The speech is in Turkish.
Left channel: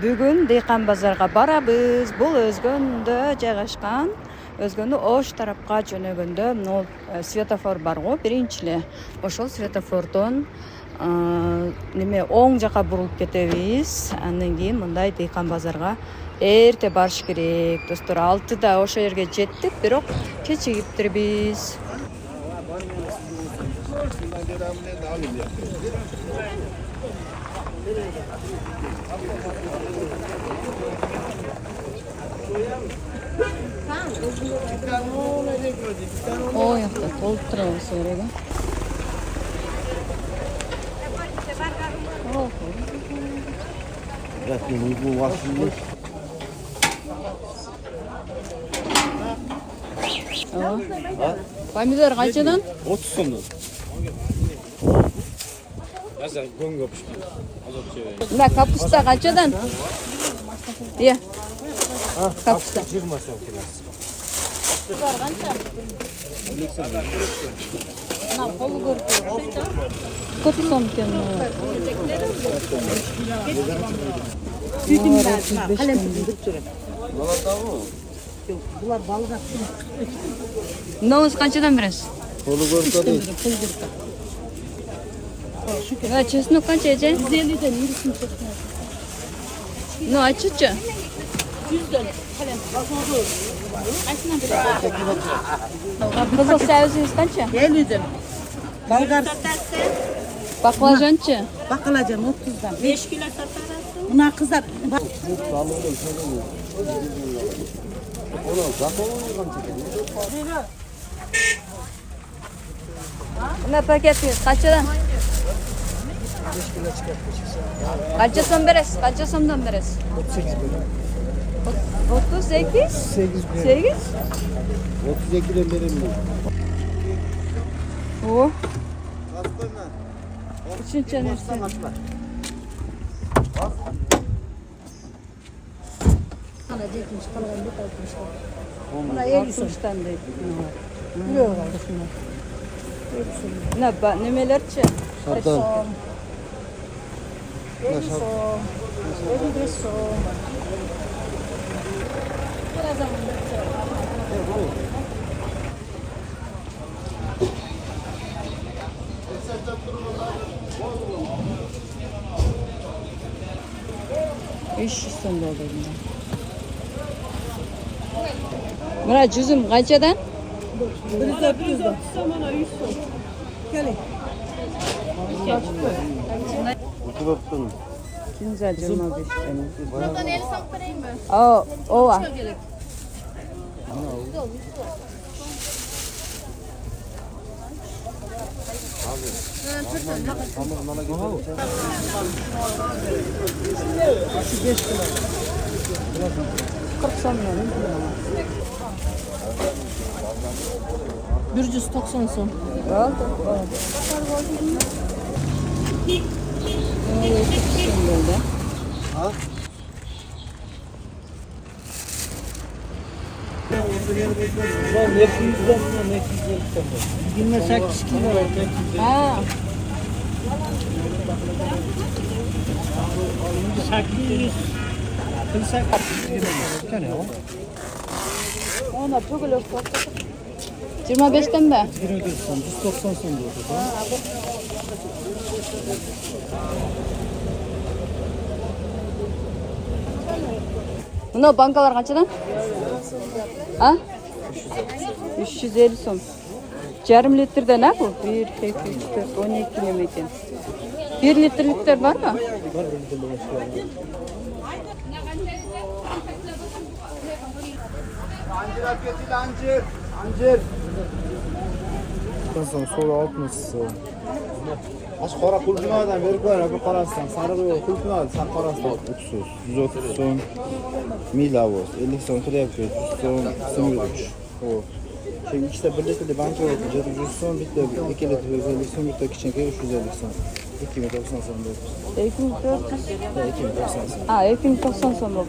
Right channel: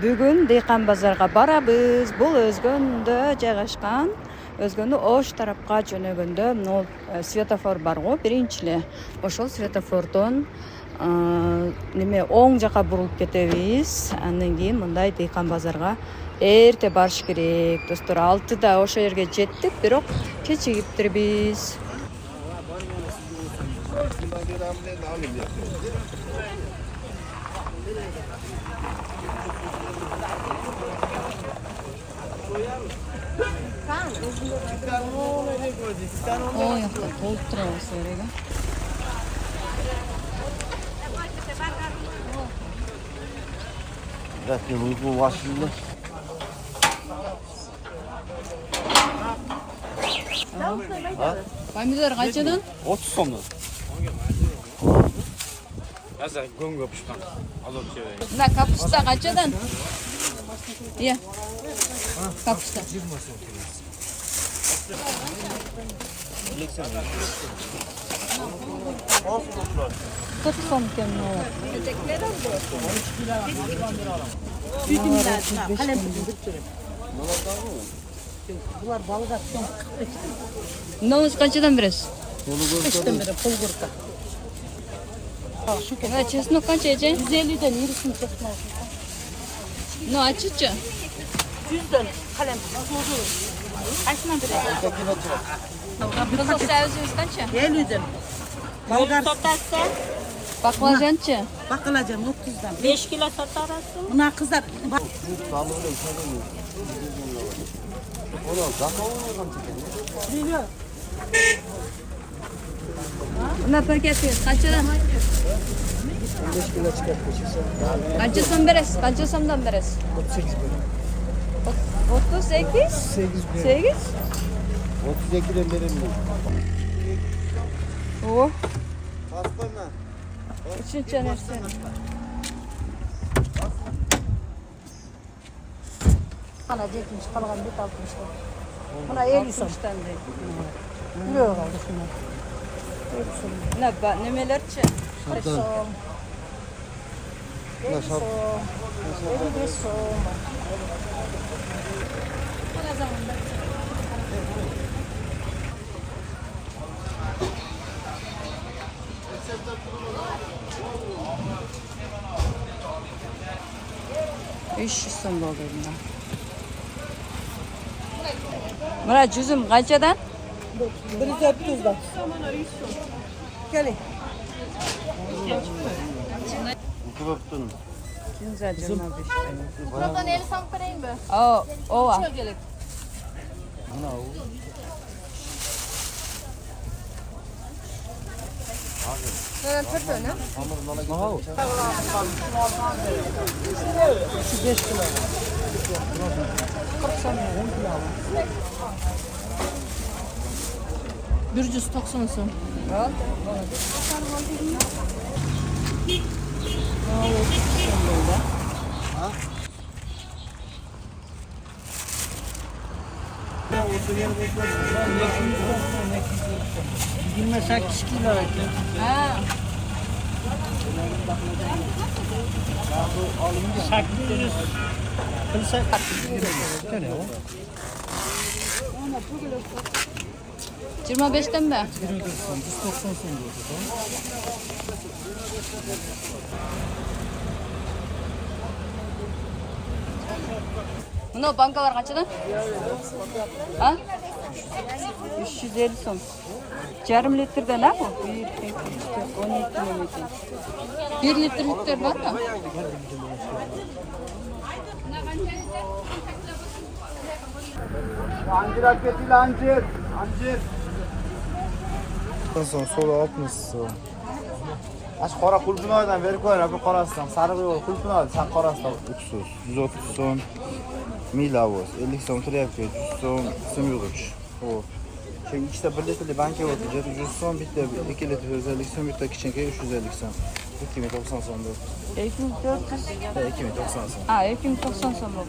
Бүгүн Дейкан базарга барабыз. Бул Өзгөндө жайгашкан. Өзгөндө Ош тарапка жөнөгөндө могу светофор бар го, биринчи. Ошол светофордон оң жака бурулуп кетебиз. Андан кийин мындай Дейкан базарга эрте барыш керек. Достор, 6-да ошол жерге жеттик, бирок кечигиптирбиз. Ой, толтырабыз орого. Помидор канчадан? 30 сомдон. Азыр көңгө пышкан. Азат жебей. Мына капуста канчадан? Ия. Капуста 20 сом келет. Сколько сом екен? Булар балга сом. Мынабыз канчадан бересиз? Чеснок канча эже? 150ден 20 сом. Ну, ачычы? 100ден калем басылды. Кайсынан бересиз? Кызыл сабызыбыз канча? 50ден. Болгар Баклажанчы? бакалажан 30дан. 5 kilo satarasın. Мына кыздар Мына пакетиңиз канчадан? 5 kilo çıkartmış. Канча сом бересиз? Канча сомдон бересиз? 38 bölüm. 38? 8 bölüm. 8? 32'den verelim. О. Üçüncü neresi? Ana çekmiş kalgan bir kalkmışlar. Buna 50 som. Yok şuna. Nemelerçi? Şardan. Ne şart? 55 som. Biraz zamanda. Son oldu bundan. Mına cüzüm kaçadan? 100'den. Gelin. Oturuptun. Güzel cüzüm. Buradan 50 som vereyim mi? O var. Gelin. Ben pırtını. Şu 5 kilo. 190 som. Yine 8 kilo var. Ha. Ona pugulu. 25'ten mi? 190 son diyordu. Mına bankalar kaçadan? Ha? 350 som. Yarım litrede ne bu? 1, 2, 3, 4, 12 memekin. 1 litrelikler var mı? Ancir hak etil ancir. Ancir. Son soyu 60 son. Aç qora kulpunadan verip koyar, abi qorasdan. Sarığı kulpunadan, sen qorasdan. 300, 130 son. Milavos, 50 son triyakçı, 100 son sınırıç. O. Çünkü ikisi birlikte banka oldu. 100 son bitti, 2 litre 150 son bitti, kiçinke 350 son. 2090 son dedi. 2090 son. Ha, 2090 som oldu.